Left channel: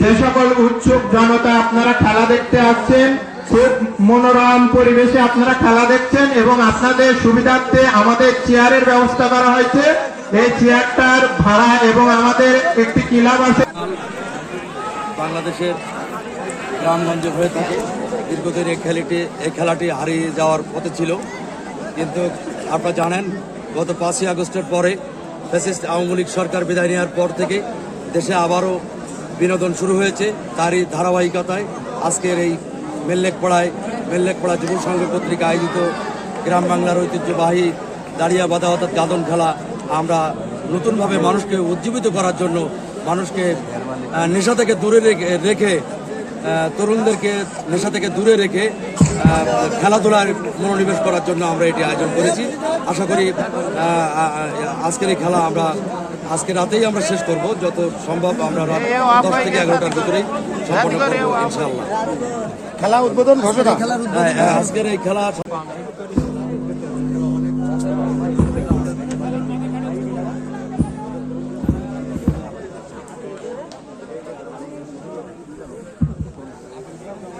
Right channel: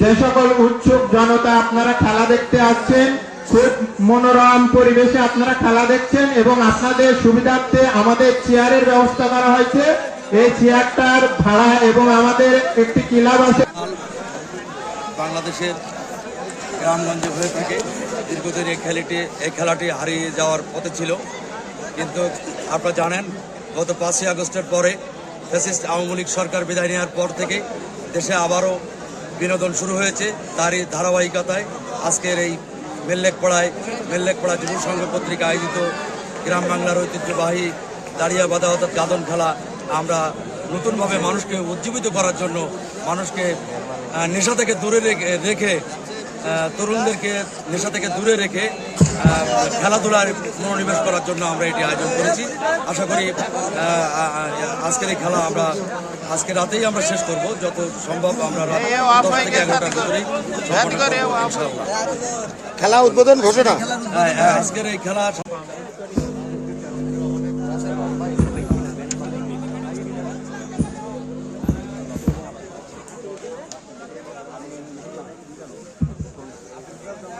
যে সকল উৎসুক জনতা আপনারা খেলা দেখতে আসছেন, খুব মনোরম পরিবেশে আপনারা খেলা দেখছেন এবং আপনাদের সুবিধার্থে আমাদের চেয়ারের ব্যবস্থা করা হয়েছে। এই চেয়ারটার ভাড়া এবং আমাদের একটি ক্লাব আছে। বাংলাদেশের গ্রামগঞ্জে হয়ে থাকে। দীর্ঘদিন এই খেলাটি এই খেলাটি হারিয়ে যাওয়ার পথে ছিল। কিন্তু আপনারা জানেন গত পাঁচই আগস্টের পরে ফ্যাসিস্ট আওয়ামী লীগ সরকার বিদায় নেওয়ার পর থেকে দেশে আবারও বিনোদন শুরু হয়েছে। তারই ধারাবাহিকতায় আজকের এই মেল্লেকপাড়ায় মেল্লেকপাড়া যুব সংঘ কর্তৃক আয়োজিত গ্রাম বাংলার ঐতিহ্যবাহী দাঁড়িয়া বাধা অর্থাৎ গাদন খেলা আমরা নতুনভাবে মানুষকে উজ্জীবিত করার জন্য মানুষকে নেশা থেকে দূরে রেখে- তরুণদেরকে নেশা থেকে দূরে রেখে খেলাধুলার মনোনিবেশ করার জন্য আমরা এটি আয়োজন করেছি। আশা করি আজকের এই খেলা আমরা আজকে রাতেই আমরা শেষ করব। যত সম্ভব আমরা রাত দশ থেকে এগারোটার ভিতরেই সম্পন্ন করব ইনশাল্লাহ খেলা উদ্বোধন ঘোষণা। আজকের এই আজকের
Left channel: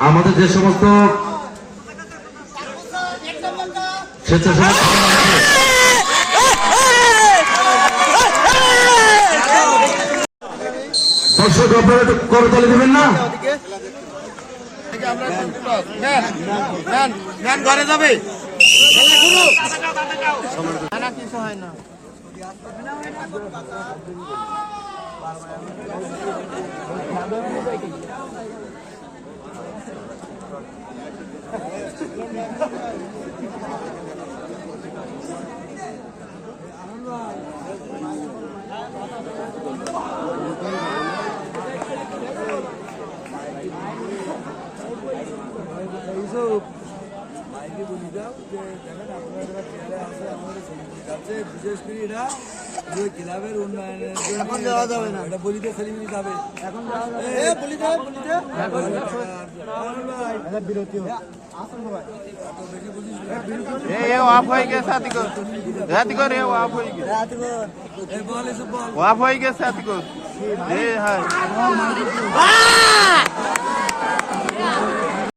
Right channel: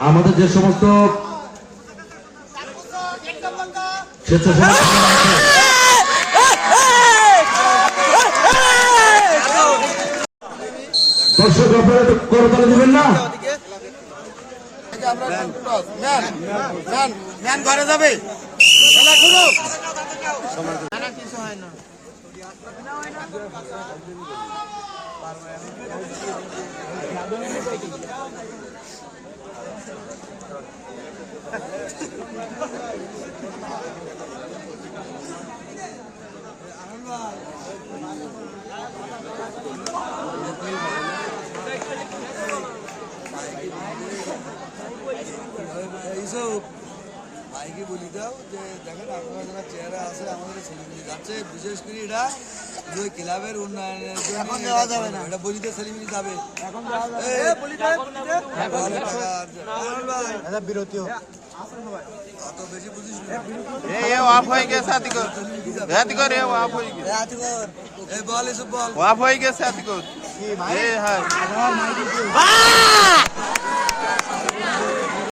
আমাদের যে সমস্ত দর্শক করতালি দিবেন না ঘরে যাবে খেলা শুরু ভাইকে বলি দাও যে দেখেন আপনারা যারা চেয়ারে আছে আমাদের যাচ্ছে বিশেষ করে এটা যে ক্লাবের উন্নয়নের এখন যাওয়া যাবে না। এটা বলিতে সেলিব্রিটি যাবে এখন যাওয়া হ্যাঁ বলি দে বিরতি হোক। ए ऑफ होई गया साथी को साथी को रे ऑफ हो गया ऑफ होई गया साथी को ये हां